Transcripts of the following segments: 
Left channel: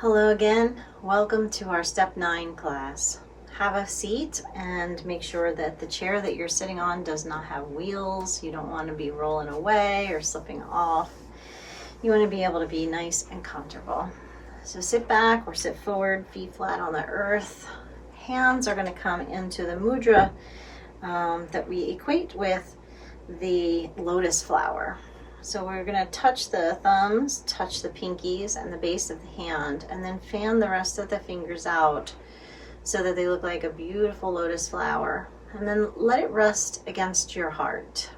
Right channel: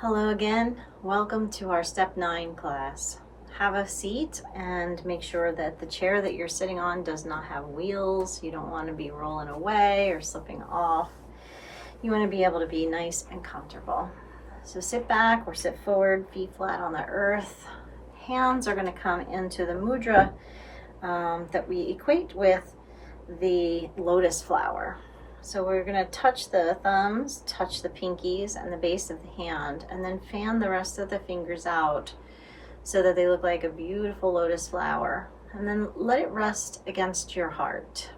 Hello again. Welcome to our Step 9 class. Have a seat and make sure that the chair that you're sitting on does not have wheels. You don't want to be rolling away or slipping off. You want to be able to be nice and comfortable. So sit back or sit forward, feet flat on the earth. Hands are going to come into the mudra that we equate with the lotus flower. So we're going to touch the thumbs, touch the pinkies and the base of the hand, and then fan the rest of the fingers out so that they look like a beautiful lotus flower. And then let it rest against your heart.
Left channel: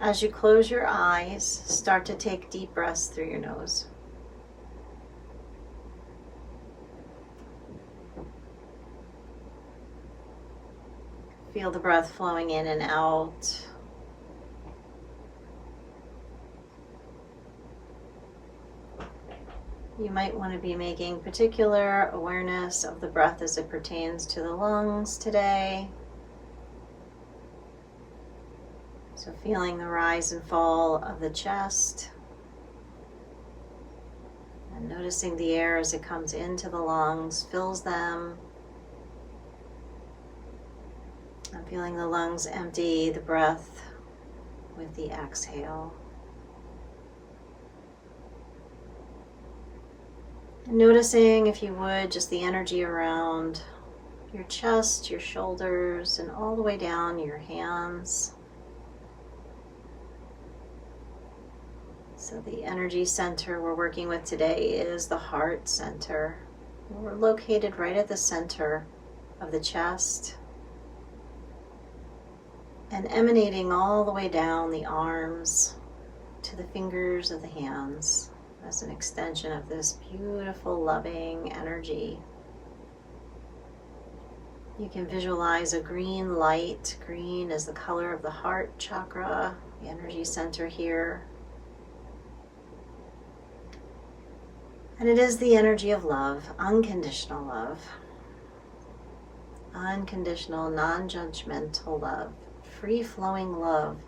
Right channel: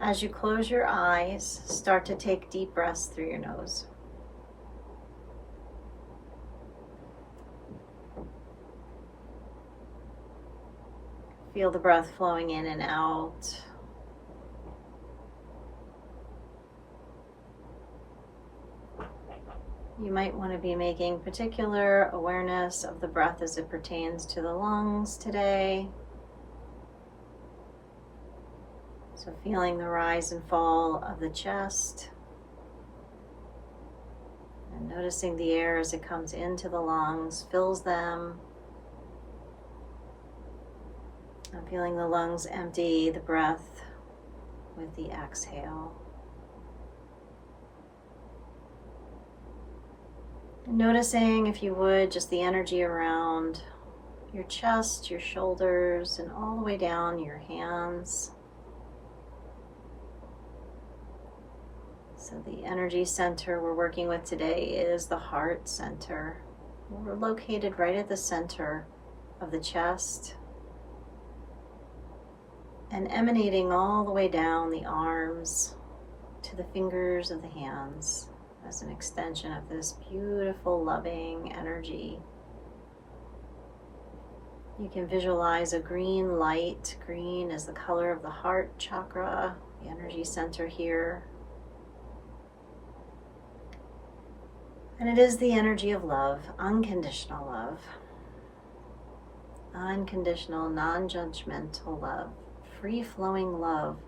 As you close your eyes, start to take deep breaths through your nose. Feel the breath flowing in and out. You might want to be making particular awareness of the breath as it pertains to the lungs today. So feeling the rise and fall of the chest. And noticing the air as it comes into the lungs, fills them. And feeling the lungs empty the breath with the exhale. Noticing, if you would, just the energy around your chest, your shoulders, and all the way down your hands. So the energy center we're working with today is the heart center. We're located right at the center of the chest and emanating all the way down the arms to the fingers of the hands. As an extension of this beautiful, loving energy. You can visualize a green light. Green is the color of the heart chakra, the energy center here. And it is the energy of love, unconditional love. Unconditional, non-judgmental love, free-flowing love.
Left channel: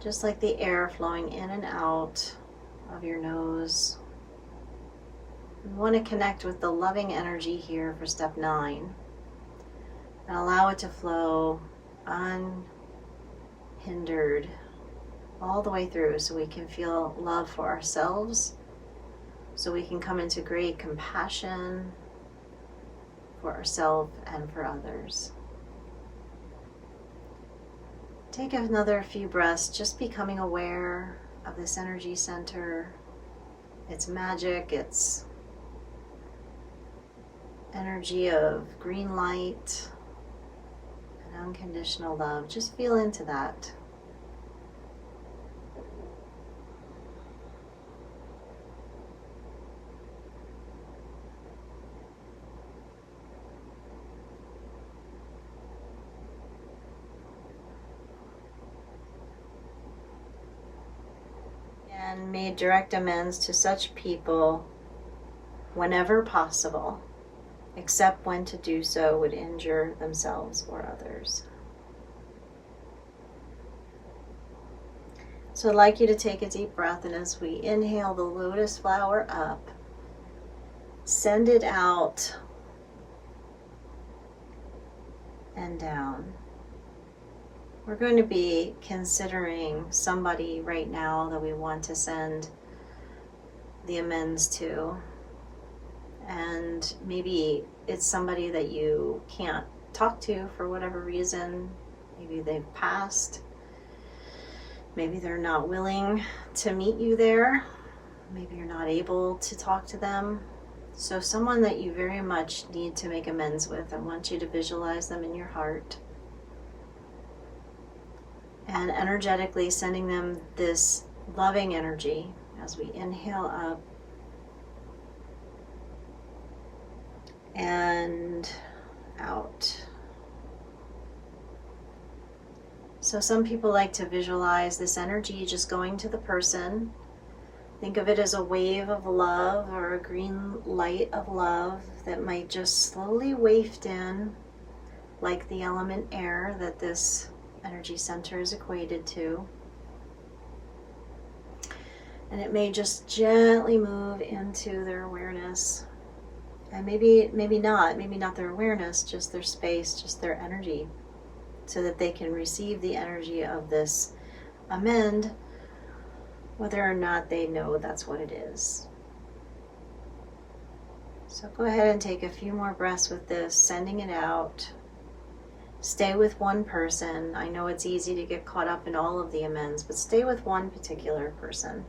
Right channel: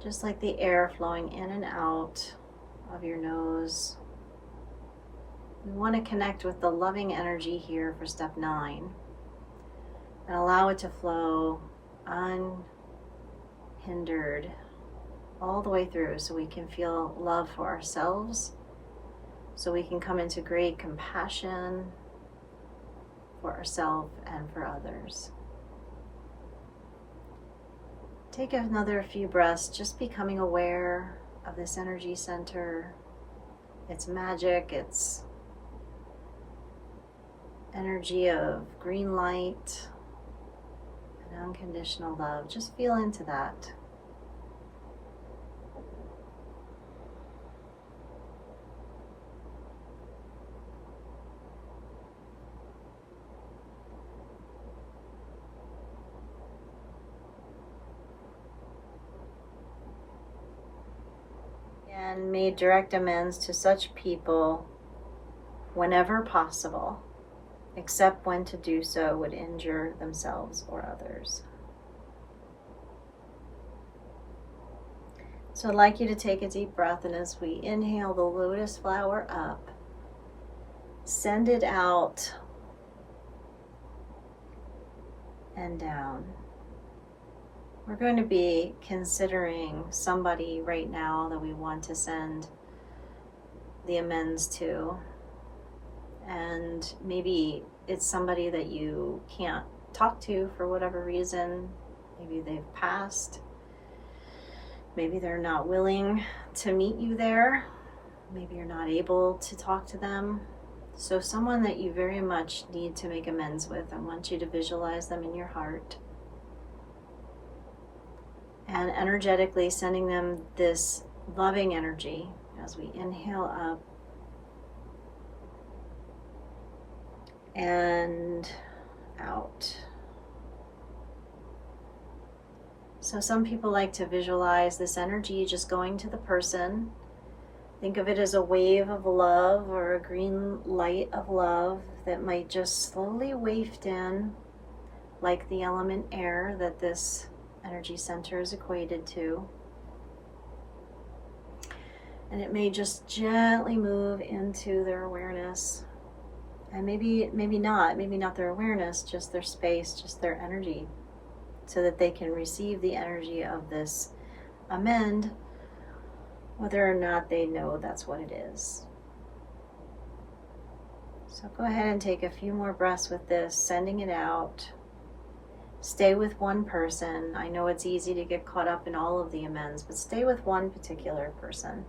Just like the air flowing in and out of your nose. We want to connect with the loving energy here for step 9 and allow it to flow unhindered all the way through so we can feel love for ourselves, so we can come into great compassion for ourselves and for others. Take another few breaths, just becoming aware of this energy center, its magic, its energy of green light and unconditional love. Just feel into that. And made direct amends to such people whenever possible, except when to do so would injure themselves or others. So I'd like you to take a deep breath, and as we inhale the lotus flower up, send it out and down. We're going to be considering somebody right now that we want to send the amends to. And maybe it's somebody that you can't talk to for whatever reason. Maybe they've passed. Maybe they're not willing to meet you there. Maybe you're not able to talk to them. So someone that you very much need to make amends with, I want you to visualize them in your heart. And energetically sending them this loving energy as we inhale up and out. So some people like to visualize this energy just going to the person. Think of it as a wave of love or a green light of love that might just slowly waft in, like the element air that this energy center is equated to. And it may just gently move into their awareness. And maybe not their awareness, just their space, just their energy, so that they can receive the energy of this amend, whether or not they know that's what it is. So go ahead and take a few more breaths with this, sending it out. Stay with one person. I know it's easy to get caught up in all of the amends, but stay with one particular person.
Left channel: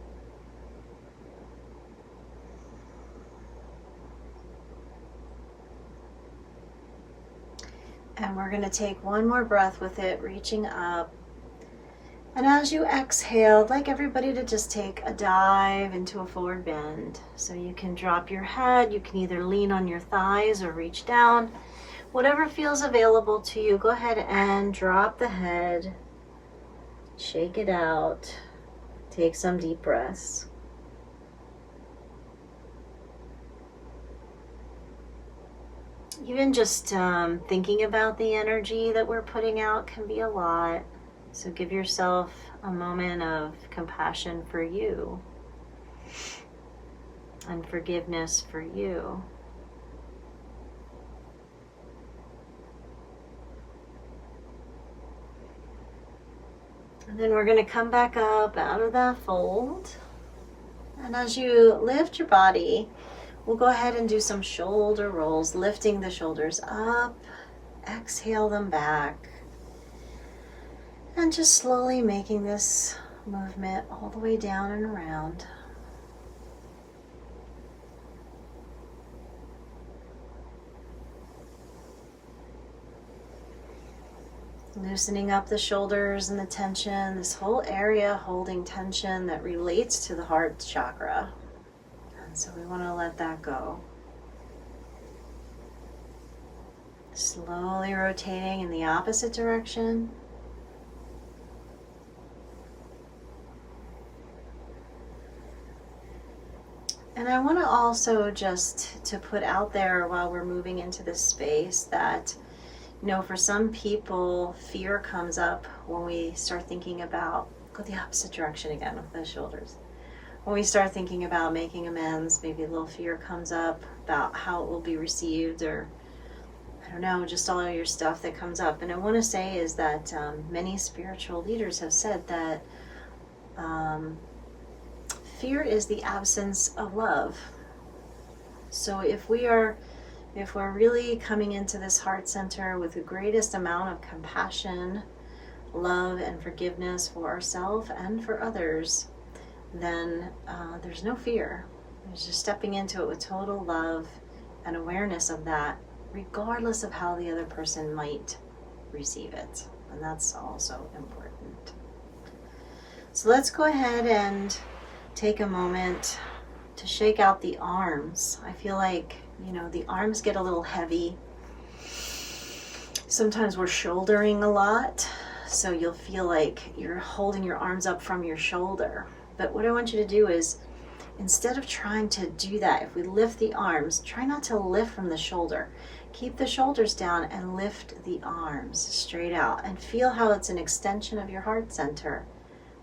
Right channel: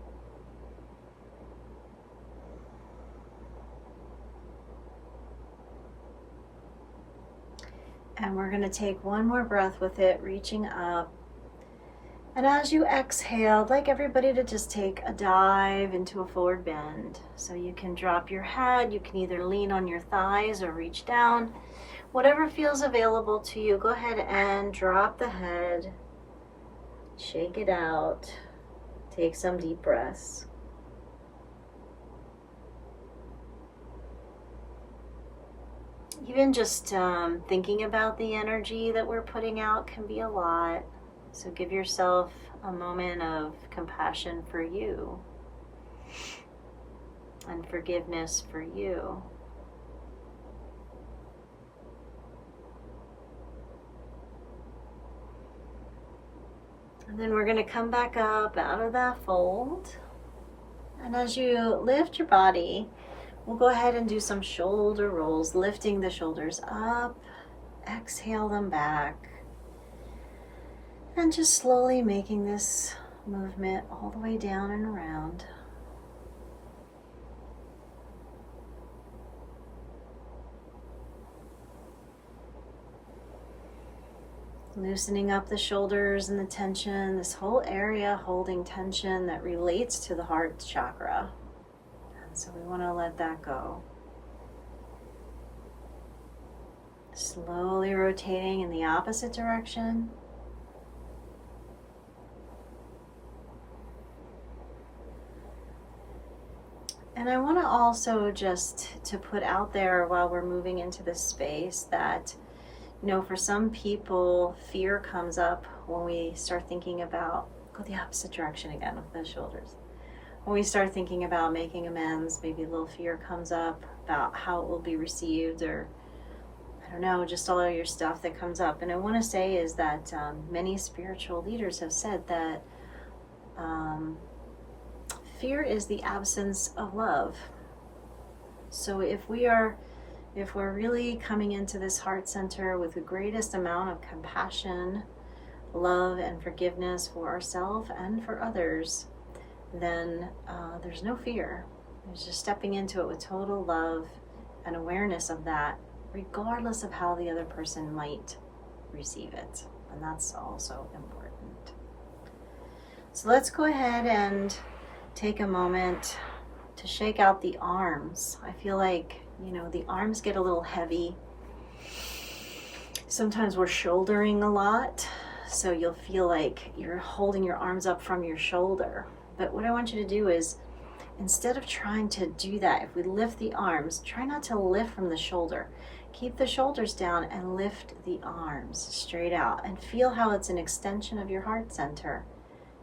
And we're going to take one more breath with it, reaching up. And as you exhale, I'd like everybody to just take a dive into a forward bend. So you can drop your head, you can either lean on your thighs or reach down. Whatever feels available to you, go ahead and drop the head, shake it out, take some deep breaths. Even just thinking about the energy that we're putting out can be a lot. So give yourself a moment of compassion for you and forgiveness for you. And then we're going to come back up out of that fold. And as you lift your body, we'll go ahead and do some shoulder rolls, lifting the shoulders up, exhale them back, and just slowly making this movement all the way down and around. Loosening up the shoulders and the tension, this whole area holding tension that relates to the heart chakra. And so we want to let that go. Slowly rotating in the opposite direction. And I want to also just to put out there while we're moving into this space that, you know, for some people, fear comes up when we start thinking about, go the opposite direction again with the shoulders. When we start thinking about making amends, maybe a little fear comes up about how it will be received, or I don't know, just all of your stuff that comes up. And I want to say is that many spiritual leaders have said that fear is the absence of love. So if we're really coming into this heart center with the greatest amount of compassion, love, and forgiveness for ourselves and for others, then there's no fear. There's just stepping into it with total love and awareness of that, regardless of how the other person might receive it. And that's also important. So let's go ahead and take a moment to shake out the arms. I feel like, you know, the arms get a little heavy. Sometimes we're shouldering a lot, so you'll feel like you're holding your arms up from your shoulder. But what I want you to do is, instead of trying to do that, if we lift the arms, try not to lift from the shoulder. Keep the shoulders down and lift the arms straight out, and feel how it's an extension of your heart center,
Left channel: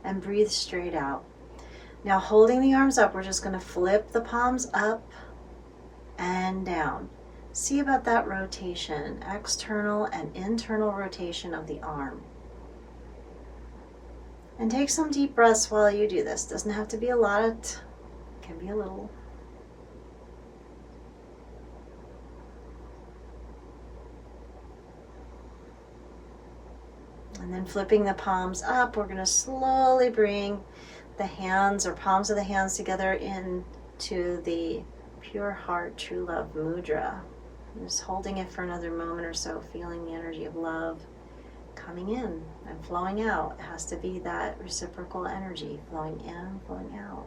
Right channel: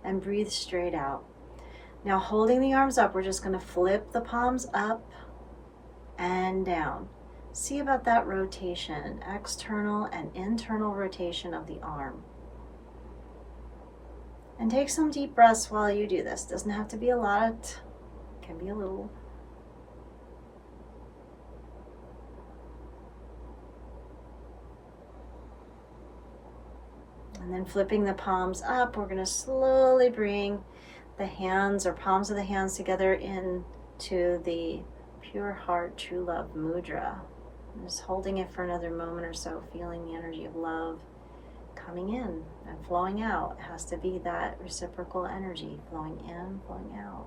and breathe straight out. Now, holding the arms up, we're just going to flip the palms up and down. See about that rotation, external and internal rotation of the arm. And take some deep breaths while you do this. Doesn't have to be a lot, it can be a little. And then flipping the palms up, we're going to slowly bring the hands or palms of the hands together into the pure heart, true love mudra. I'm just holding it for another moment or so, feeling the energy of love coming in and flowing out. It has to be that reciprocal energy, flowing in, flowing out.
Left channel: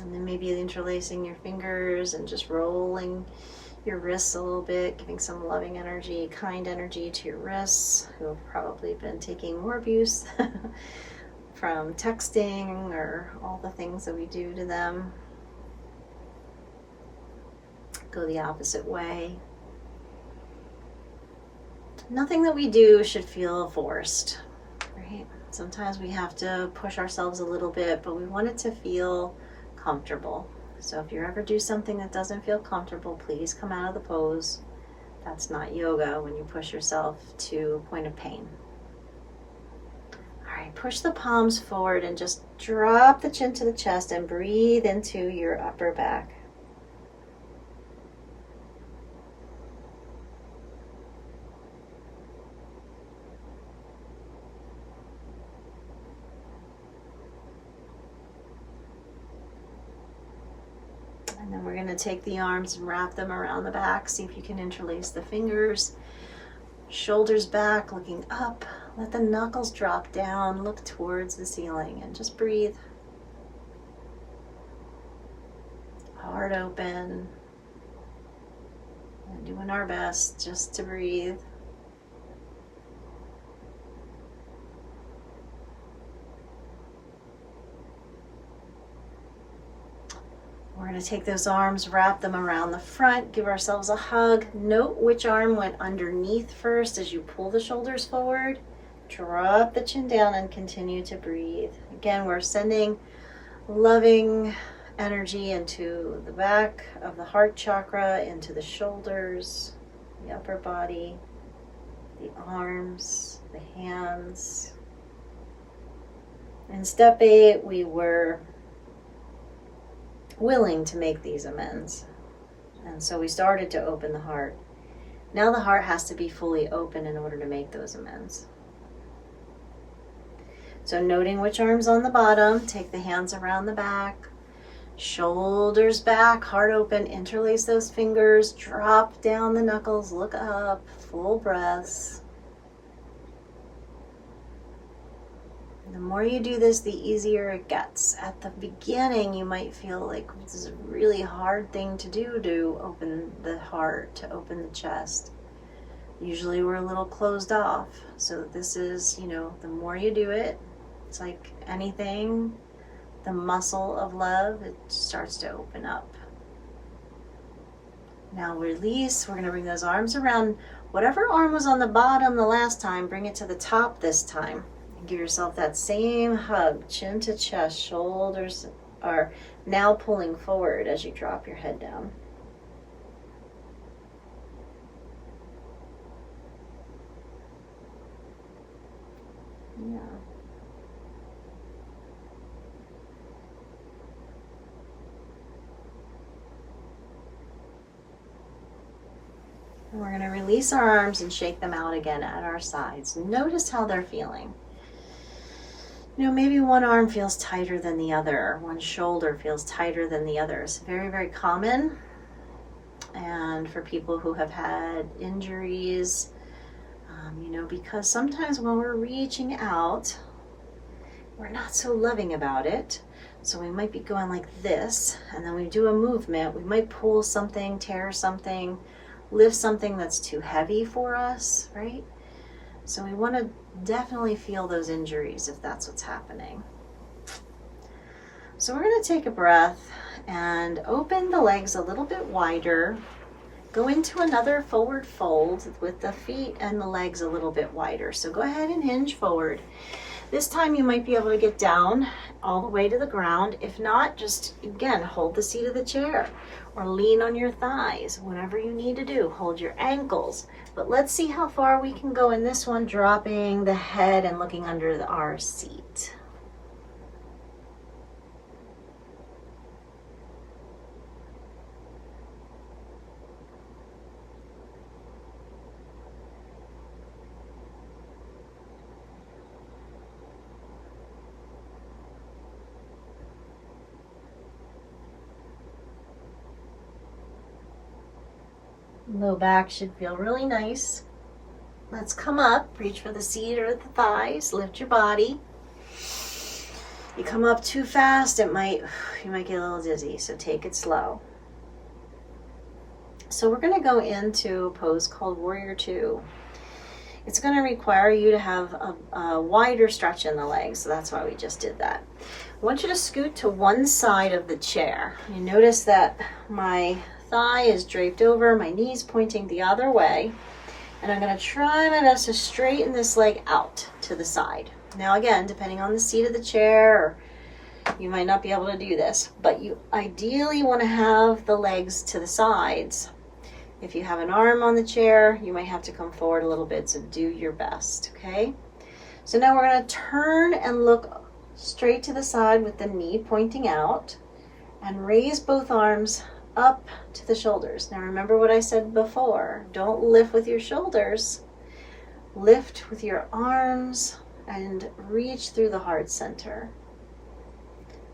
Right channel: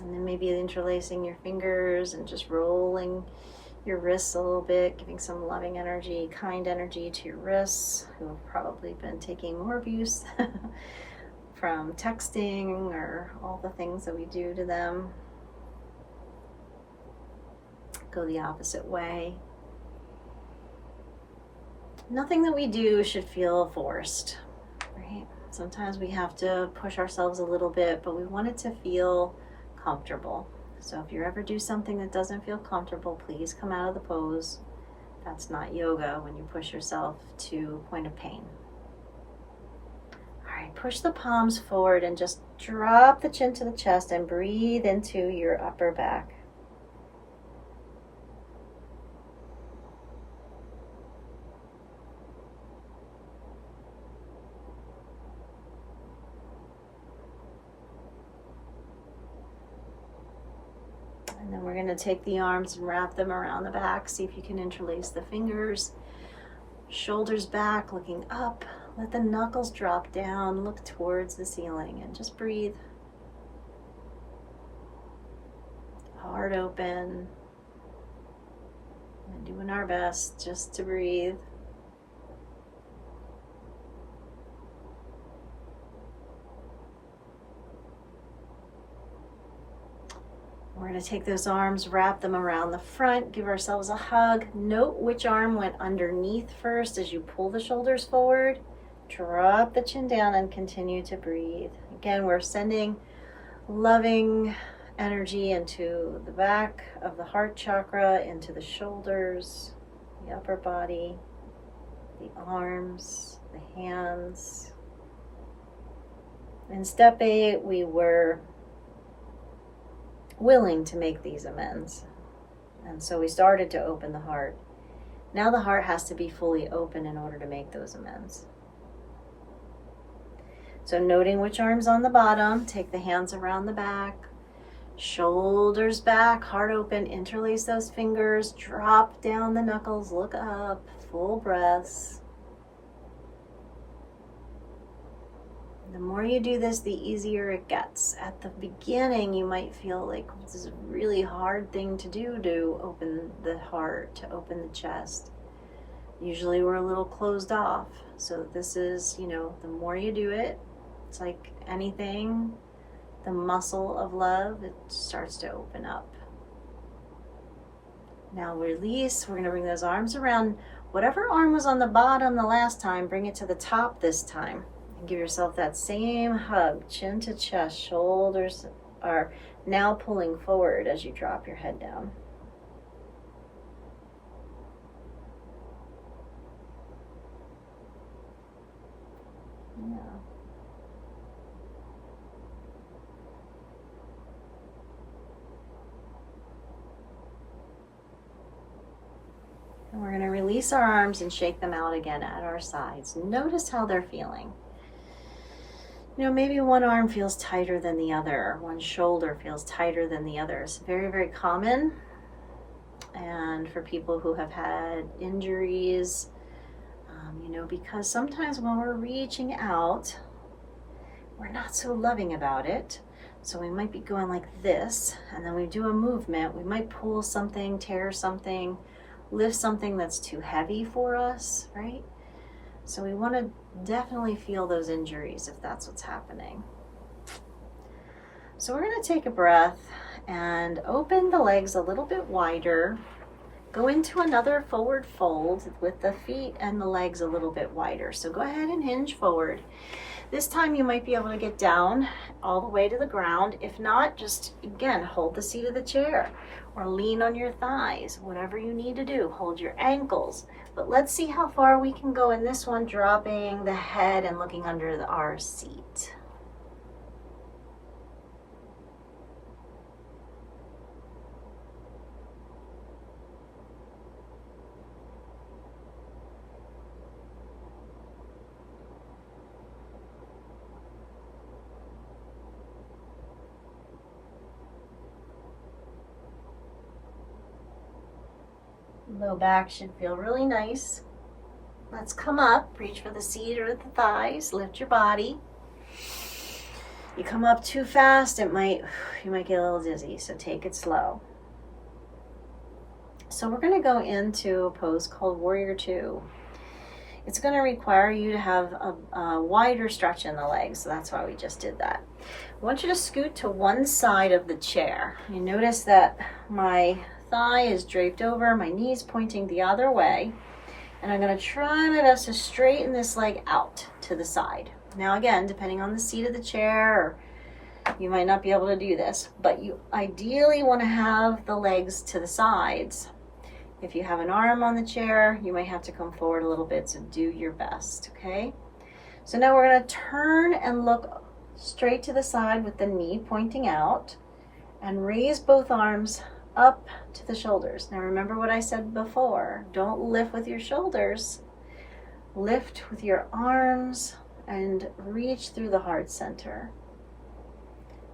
And then maybe interlacing your fingers and just rolling your wrists a little bit, giving some loving energy, kind energy to your wrists, who have probably been taking more abuse from texting or all the things that we do to them. Go the opposite way. Nothing that we do should feel forced, right? Sometimes we have to push ourselves a little bit, but we want it to feel comfortable. So if you ever do something that doesn't feel comfortable, please come out of the pose. That's not yoga when you push yourself to a point of pain. All right, push the palms forward and just drop the chin to the chest and breathe into your upper back. And then we're going to take the arms and wrap them around the back. See if you can interlace the fingers. Shoulders back, looking up. Let the knuckles drop down. Look towards the ceiling and just breathe. Heart open. And doing our best just to breathe. We're going to take those arms, wrap them around the front, give ourselves a hug. Note which arm went underneath first as you pull the shoulders forward. Drop the chin down and continue to breathe. Again, we're sending loving energy into the back of the heart chakra, into the shoulders, the upper body, the arms, the hands. In step 8, we were willing to make these amends. And so we started to open the heart. Now the heart has to be fully open in order to make those amends. So noting which arm's on the bottom, take the hands around the back, shoulders back, heart open, interlace those fingers, drop down the knuckles, look up, full breaths. The more you do this, the easier it gets. At the beginning, you might feel like this is a really hard thing to do, to open the heart, to open the chest. Usually we're a little closed off. So this is, the more you do it, it's like anything, the muscle of love, it starts to open up. Now release. We're going to bring those arms around. Whatever arm was on the bottom the last time, bring it to the top this time. Give yourself that same hug, chin to chest. Shoulders are now pulling forward as you drop your head down. Yeah. And we're going to release our arms and shake them out again at our sides. Notice how they're feeling. Maybe one arm feels tighter than the other, one shoulder feels tighter than the other. It's very, very common. And for people who have had injuries, because sometimes when we're reaching out, we're not so loving about it. So we might be going like this, and then we do a movement. We might pull something, tear something, lift something that's too heavy for us, right? So we want to definitely feel those injuries if that's what's happening. So we're going to take a breath and open the legs a little bit wider. Go into another forward fold with the feet and the legs a little bit wider. So go ahead and hinge forward. This time you might be able to get down all the way to the ground. If not, just again, hold the seat of the chair or lean on your thighs, whatever you need to do. Hold your ankles. But let's see how far we can go in this one, dropping the head and looking under our seat. Low back should feel really nice. Let's come up, reach for the seat or the thighs, lift your body. You come up too fast, you might get a little dizzy, so take it slow. So we're going to go into a pose called Warrior 2. It's going to require you to have a wider stretch in the legs, so that's why we just did that. I want you to scoot to one side of the chair. You notice that my thigh is draped over, my knees pointing the other way. And I'm going to try my best to straighten this leg out to the side. Now again, depending on the seat of the chair, you might not be able to do this, but you ideally want to have the legs to the sides. If you have an arm on the chair, you might have to come forward a little bit, so do your best, okay? So now we're going to turn and look straight to the side with the knee pointing out and raise both arms up to the shoulders. Now remember what I said before, don't lift with your shoulders, lift with your arms and reach through the heart center.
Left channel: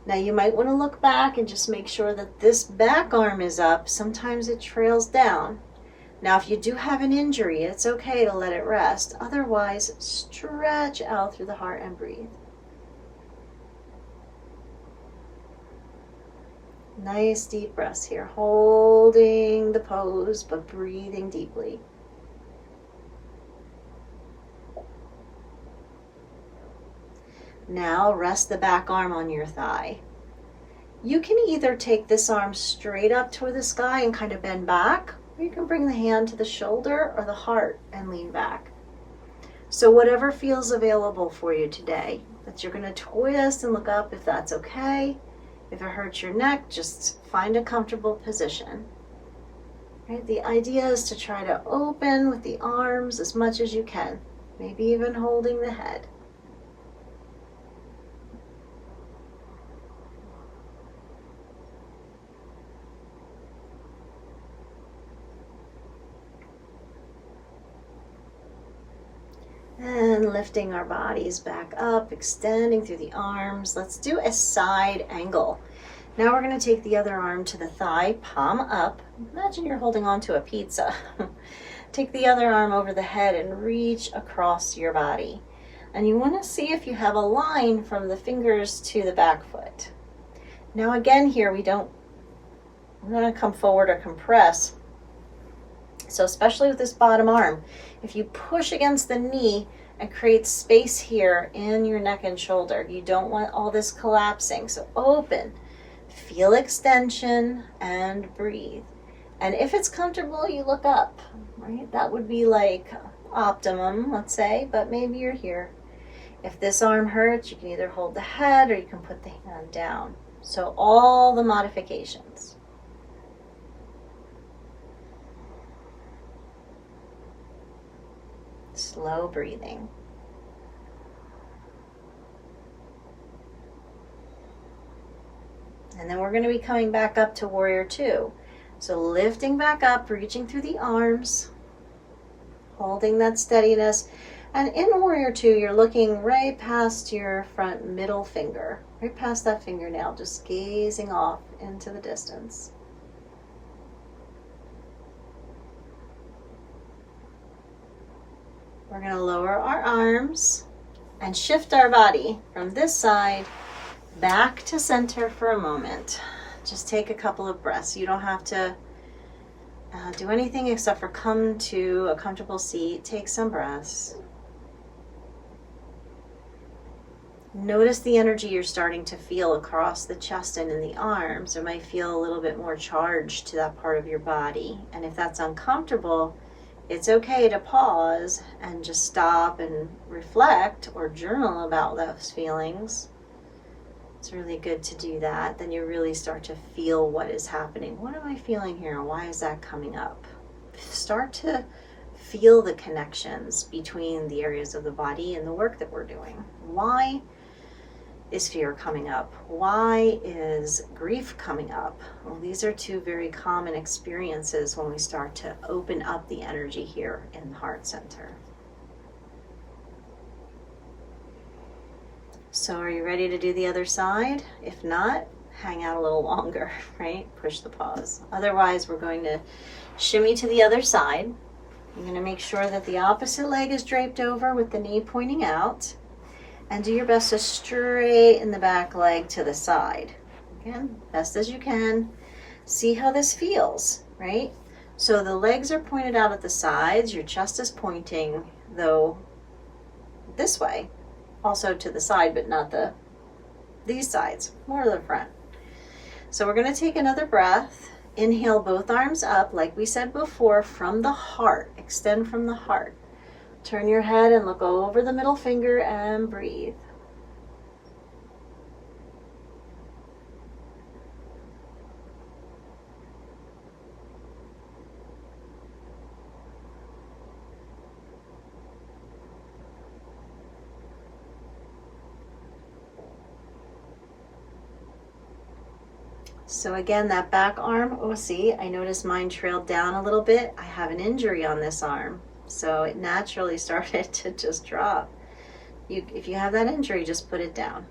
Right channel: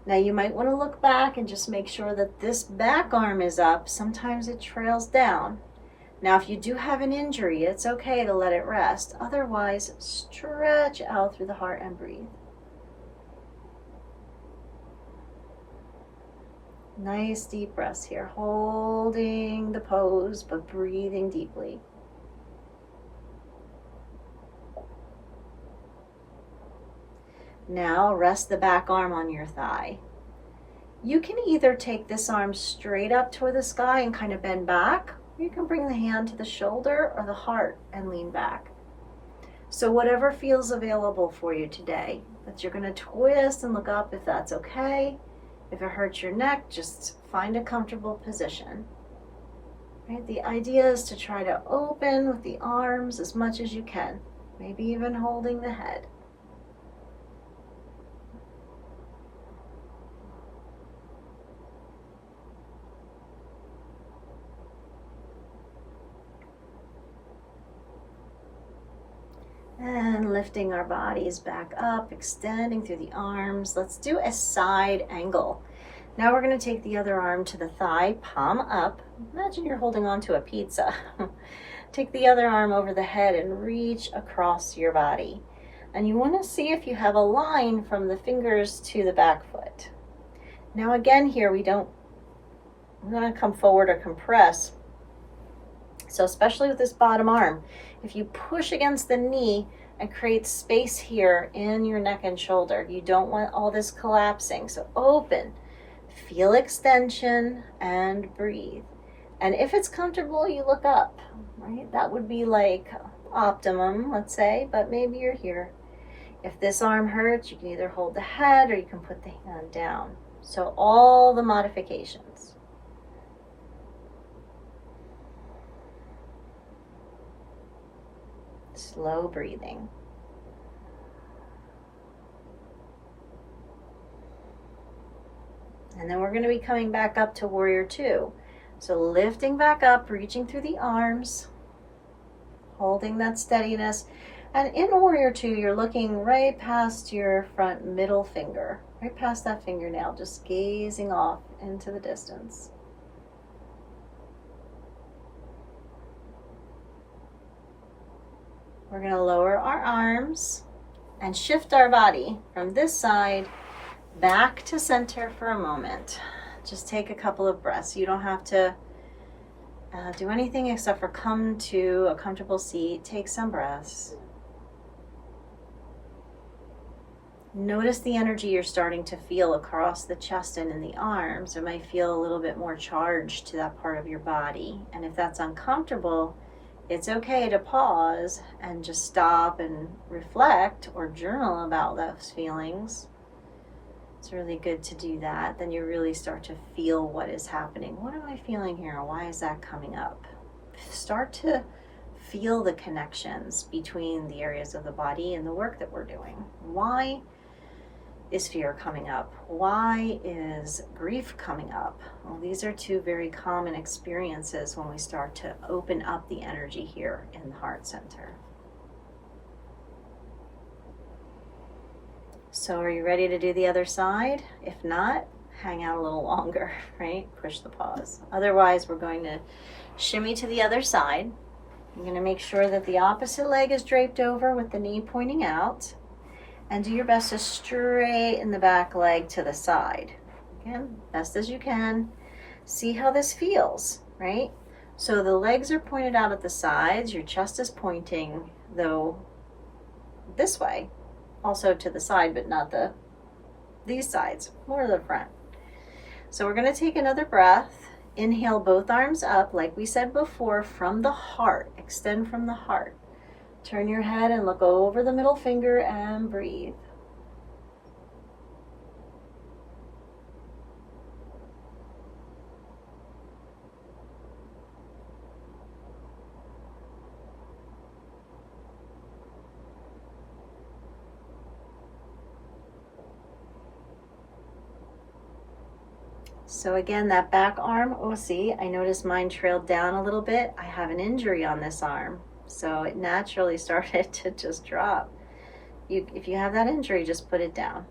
Now you might want to look back and just make sure that this back arm is up. Sometimes it trails down. Now if you do have an injury, it's okay to let it rest. Otherwise, stretch out through the heart and breathe. Nice deep breaths here, holding the pose but breathing deeply. Now rest the back arm on your thigh. You can either take this arm straight up toward the sky and kind of bend back, or you can bring the hand to the shoulder or the heart and lean back. So whatever feels available for you today, but you're going to twist and look up if that's okay. If it hurts your neck, just find a comfortable position. Right? The idea is to try to open with the arms as much as you can, maybe even holding the head. And lifting our bodies back up, extending through the arms. Let's do a side angle. Now we're going to take the other arm to the thigh, palm up. Imagine you're holding on to a pizza. Take the other arm over the head and reach across your body. And you want to see if you have a line from the fingers to the back foot. Now again here, we're not going to come forward or compress. So especially with this bottom arm, if you push against the knee and create space here in your neck and shoulder, you don't want all this collapsing. So open, feel extension, and breathe. And if it's comfortable, you look up, right? That would be like optimum, let's say, but maybe you're here. If this arm hurts, you can either hold the head or you can put the hand down. So all the modifications. Slow breathing. And then we're going to be coming back up to Warrior Two. So lifting back up, reaching through the arms, holding that steadiness. And in Warrior Two, you're looking right past your front middle finger, right past that fingernail, just gazing off into the distance. We're going to lower our arms and shift our body from this side back to center for a moment. Just take a couple of breaths. You don't have to do anything except for come to a comfortable seat. Take some breaths. Notice the energy you're starting to feel across the chest and in the arms. It might feel a little bit more charged to that part of your body. And if that's uncomfortable, it's okay to pause and just stop and reflect or journal about those feelings. It's really good to do that. Then you really start to feel what is happening. What am I feeling here? Why is that coming up? Start to feel the connections between the areas of the body and the work that we're doing. Why is fear coming up? Why is grief coming up? Well, these are two very common experiences when we start to open up the energy here in the heart center. So are you ready to do the other side? If not, hang out a little longer, right? Push the pause. Otherwise, we're going to shimmy to the other side. I'm going to make sure that the opposite leg is draped over with the knee pointing out. And do your best to straighten the back leg to the side. Again, best as you can. See how this feels, right? So the legs are pointed out at the sides. Your chest is pointing, though, this way. Also to the side, but not these sides, more to the front. So we're going to take another breath Inhale both arms up, like we said before, from the heart. Extend from the heart. Turn your head and look over the middle finger and breathe. So again, that back arm, oh see, I noticed mine trailed down a little bit. I have an injury on this arm. So it naturally started to just drop. If you have that injury, just put it down.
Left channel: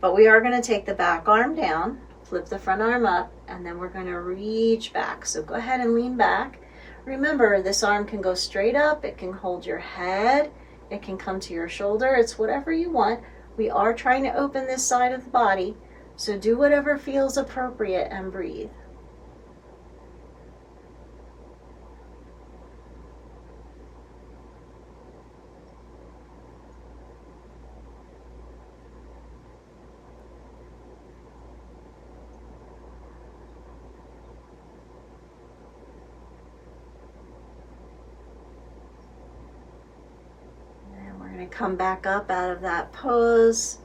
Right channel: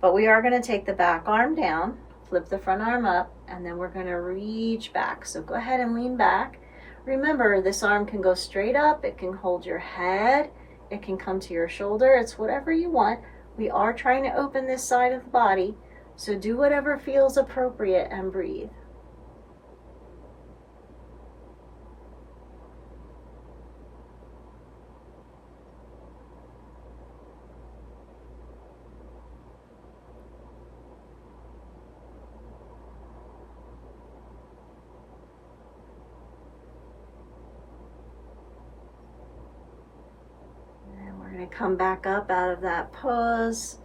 But we are going to take the back arm down, flip the front arm up, and then we're going to reach back. So go ahead and lean back. Remember, this arm can go straight up. It can hold your head. It can come to your shoulder. It's whatever you want. We are trying to open this side of the body. So do whatever feels appropriate and breathe. And we're going to come back up out of that pose.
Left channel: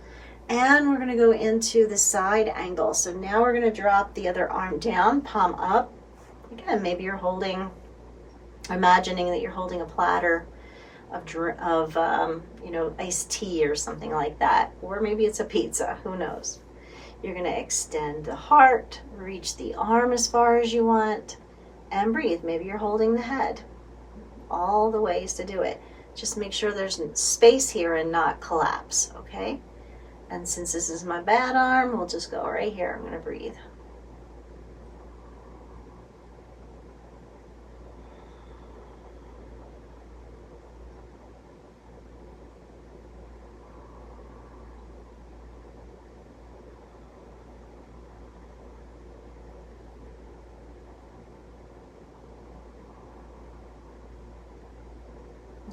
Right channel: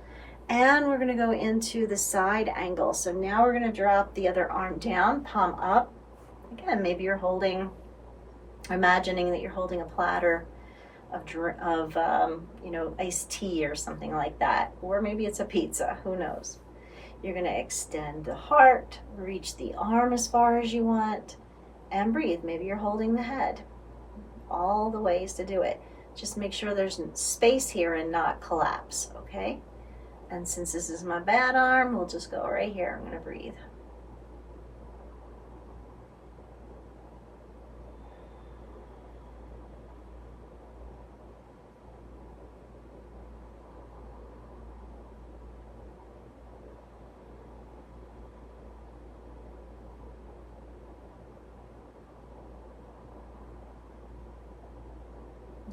And we're going to go into the side angle. So now we're going to drop the other arm down, palm up. Again, maybe you're imagining that you're holding a platter of iced tea or something like that. Or maybe it's a pizza, who knows. You're going to extend the heart, reach the arm as far as you want, and breathe. Maybe you're holding the head. All the ways to do it. Just make sure there's space here and not collapse, okay? And since this is my bad arm, we'll just go right here. I'm going to breathe.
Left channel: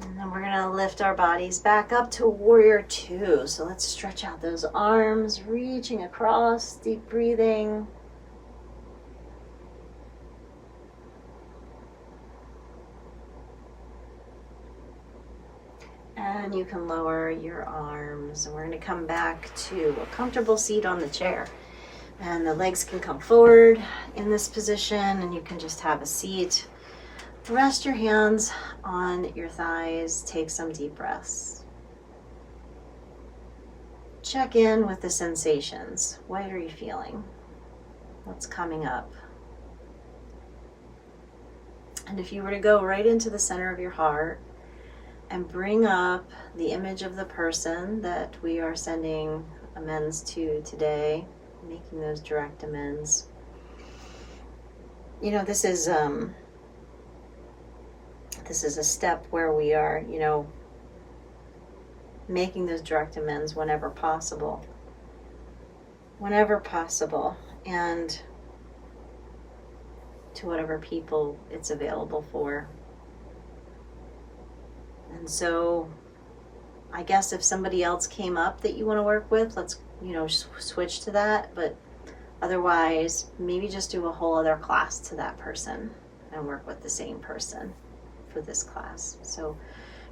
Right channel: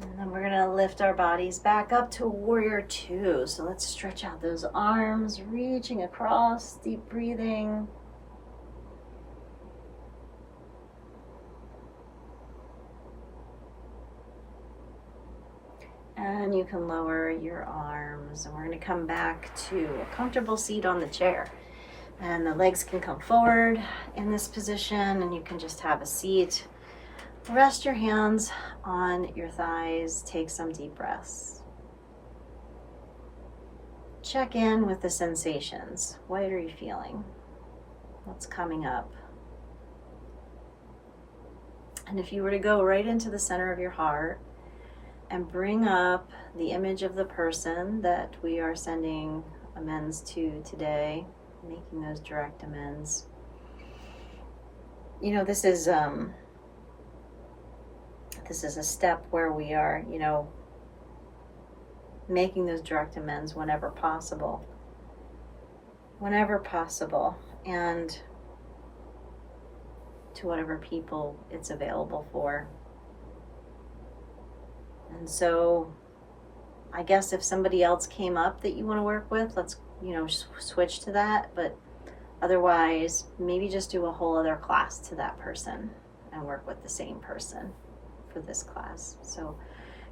And then we're going to lift our bodies back up to Warrior Two. So let's stretch out those arms, reaching across, deep breathing. And you can lower your arms. And we're going to come back to a comfortable seat on the chair. And the legs can come forward in this position, and you can just have a seat. Rest your hands on your thighs. Take some deep breaths. Check in with the sensations. What are you feeling? What's coming up? And if you were to go right into the center of your heart and bring up the image of the person that we are sending amends to today, making those direct amends. This is a step where we are, making those direct amends whenever possible, and to whatever people it's available for. And so I guess if somebody else came up that you want to work with, let's, switch to that. But otherwise, maybe just do a whole other class to that person and work with the same person for this class. So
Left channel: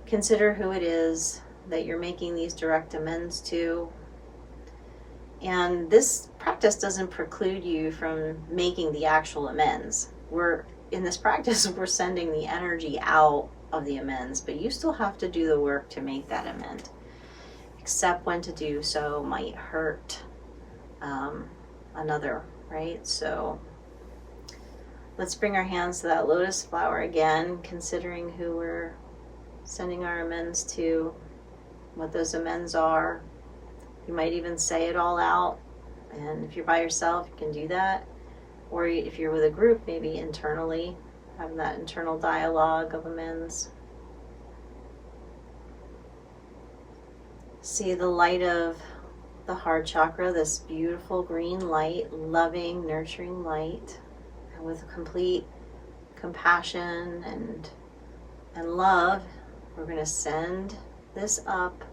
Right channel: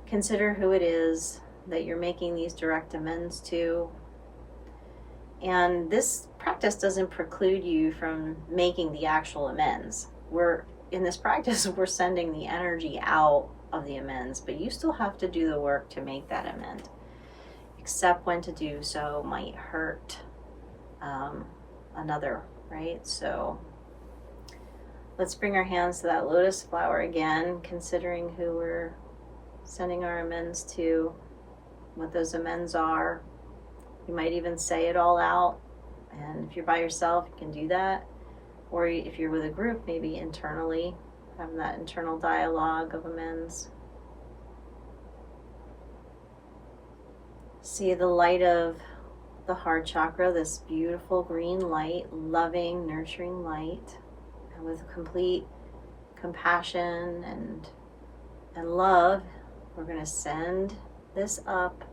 consider who it is that you're making these direct amends to. And this practice doesn't preclude you from making the actual amends. In this practice, we're sending the energy out of the amends, but you still have to do the work to make that amend. Except when to do so might hurt another, right? So let's bring our hands to that lotus flower again, considering who we're sending our amends to, what those amends are. You might even say it all out. And if you're by yourself, you can do that. Or if you're with a group, maybe internally, having that internal dialogue of amends. See the light of the heart chakra, this beautiful green light, loving, nurturing light, and with complete compassion and love, we're going to send this up.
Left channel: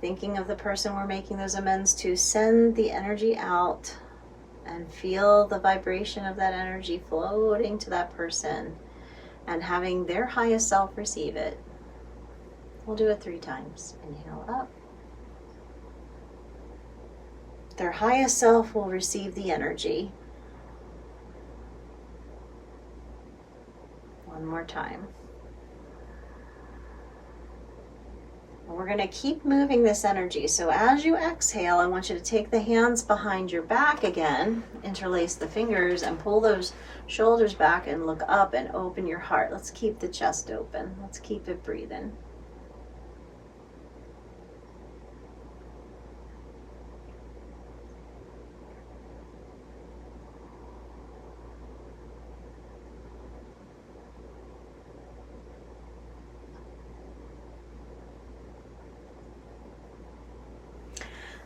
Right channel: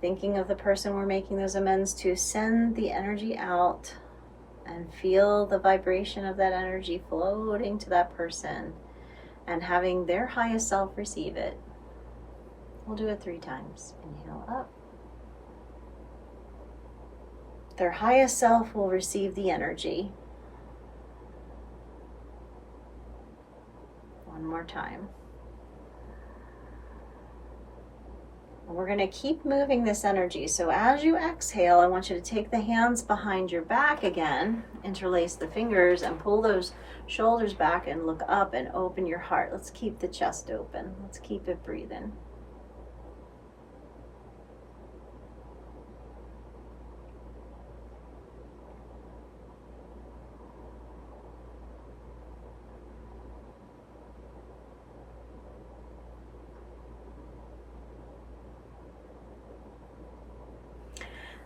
Thinking of the person we're making those amends to, send the energy out and feel the vibration of that energy floating to that person and having their highest self receive it. We'll do it 3 times. Inhale up. Their highest self will receive the energy. One more time. We're going to keep moving this energy. So as you exhale, I want you to take the hands behind your back again, interlace the fingers, and pull those shoulders back and look up and open your heart. Let's keep the chest open. Let's keep it breathing.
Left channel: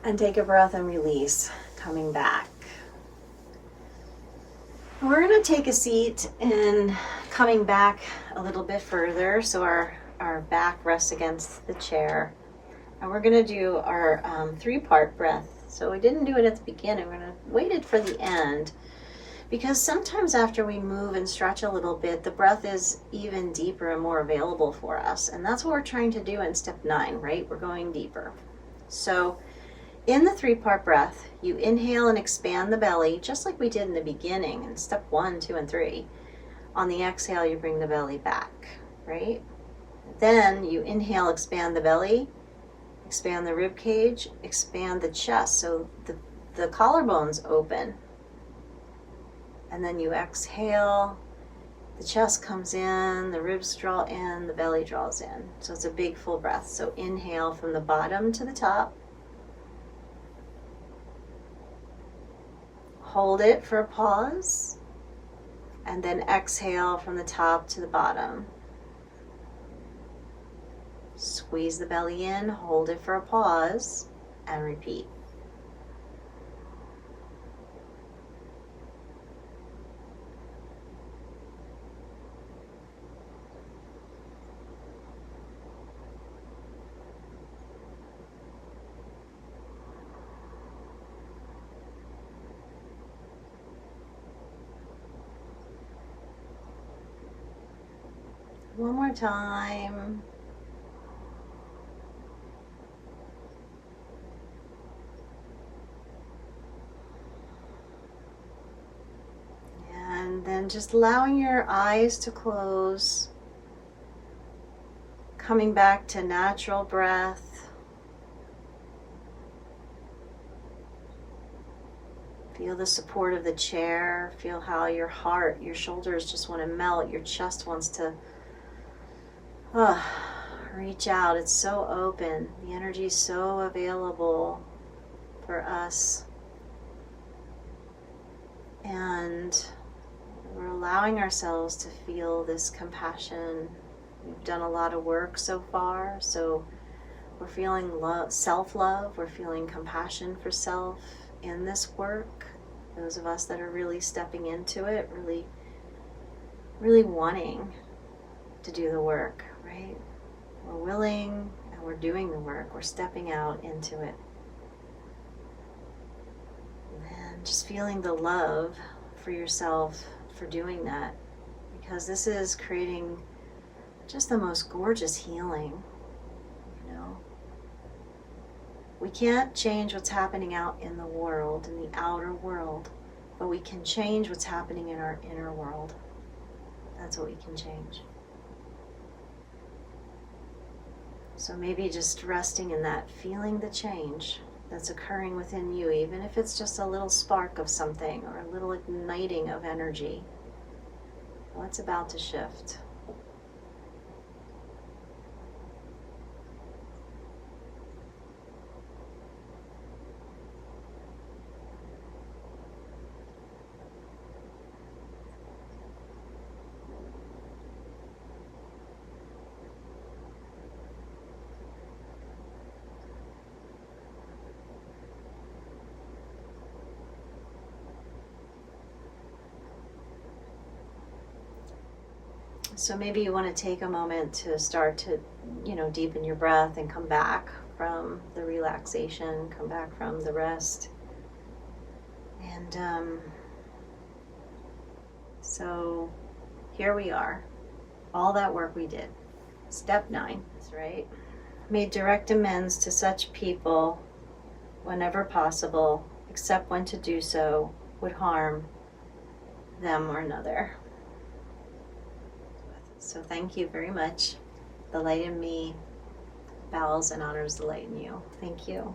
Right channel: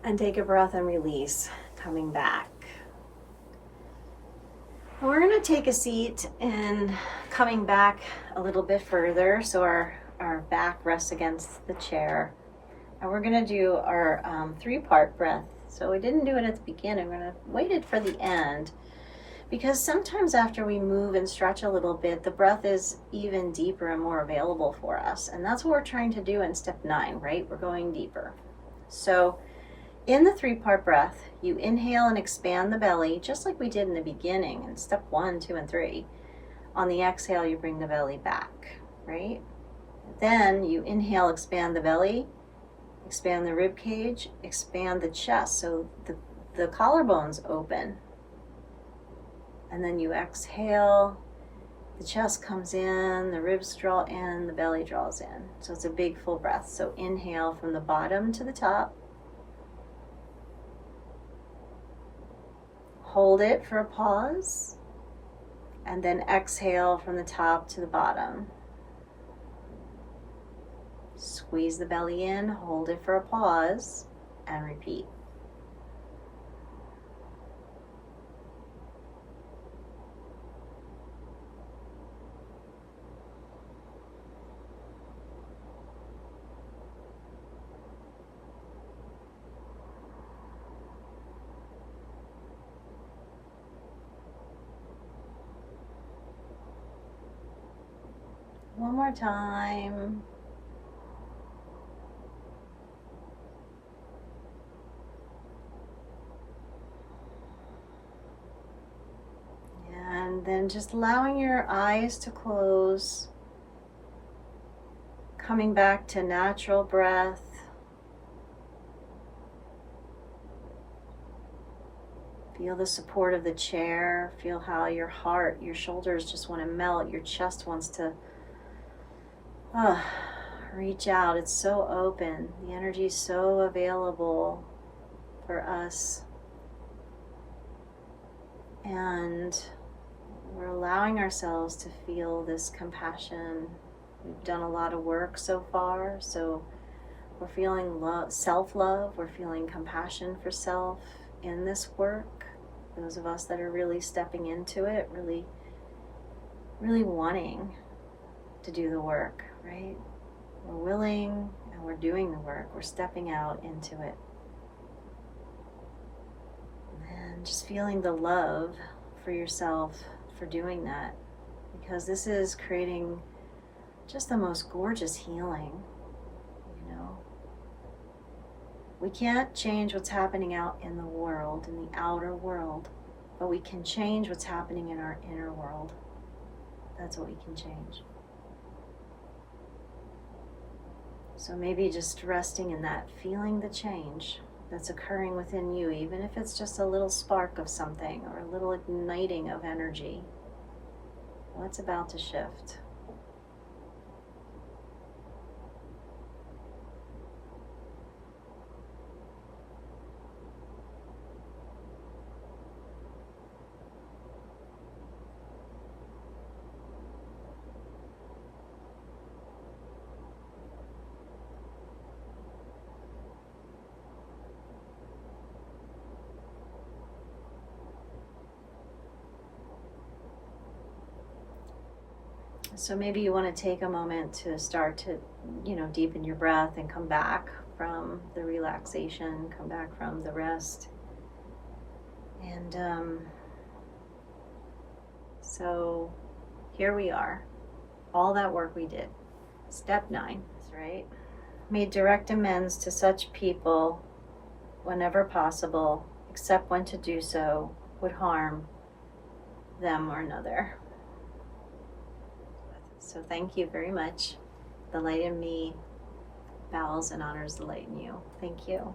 And take a breath and release, coming back. And we're going to take a seat and coming back a little bit further so our back rests against the chair. And we're going to do our 3-part breath. So we didn't do it at the beginning. We're going to wait it for the end, because sometimes after we move and stretch a little bit, the breath is even deeper and more available for us. And that's what we're trying to do in step 9, right? We're going deeper. So in the 3-part breath, you inhale and expand the belly, just like we did in the beginning in step 1, 2, and 3. On the exhale, you bring the belly back, right? Then you inhale, expand the belly, expand the rib cage, expand the chest, so the collarbones open. And then you exhale, the chest comes in, the ribs draw in, the belly draws in. So it's a big full breath. So inhale from the bottom to the top. Hold it for a pause, and then exhale from the top to the bottom. Squeeze the belly in, hold it for a pause, and repeat. One more time. And then just allowing your eyes to close, coming back to natural breath. Feel the support of the chair. Feel how your heart, your shoulders just want to melt. Your chest wants to reach out. It's so open. The energy is so available for us. And we're allowing ourselves to feel this compassion. We've done a lot of work so far, so we're feeling self-love. We're feeling compassion for self in this work. Those of us that are really stepping into it, really wanting to do the work, right? We're willing and we're doing the work. We're stepping out into it. And just feeling the love for yourself for doing that, because this is creating just the most gorgeous healing, you know. We can't change what's happening out in the world, in the outer world, but we can change what's happening in our inner world. That's what we can change. So maybe just resting in that, feeling the change that's occurring within you, even if it's just a little spark of something or a little igniting of energy. What's about to shift? So maybe you want to take a moment to start to, deepen your breath and come back from the relaxation, come back from the rest. And so here we are, all that work we did. Step 9, that's right. Made direct amends to such people whenever possible, except when to do so would harm them or another. So thank you very much. The light in me bows and honors the light in you. Thank you.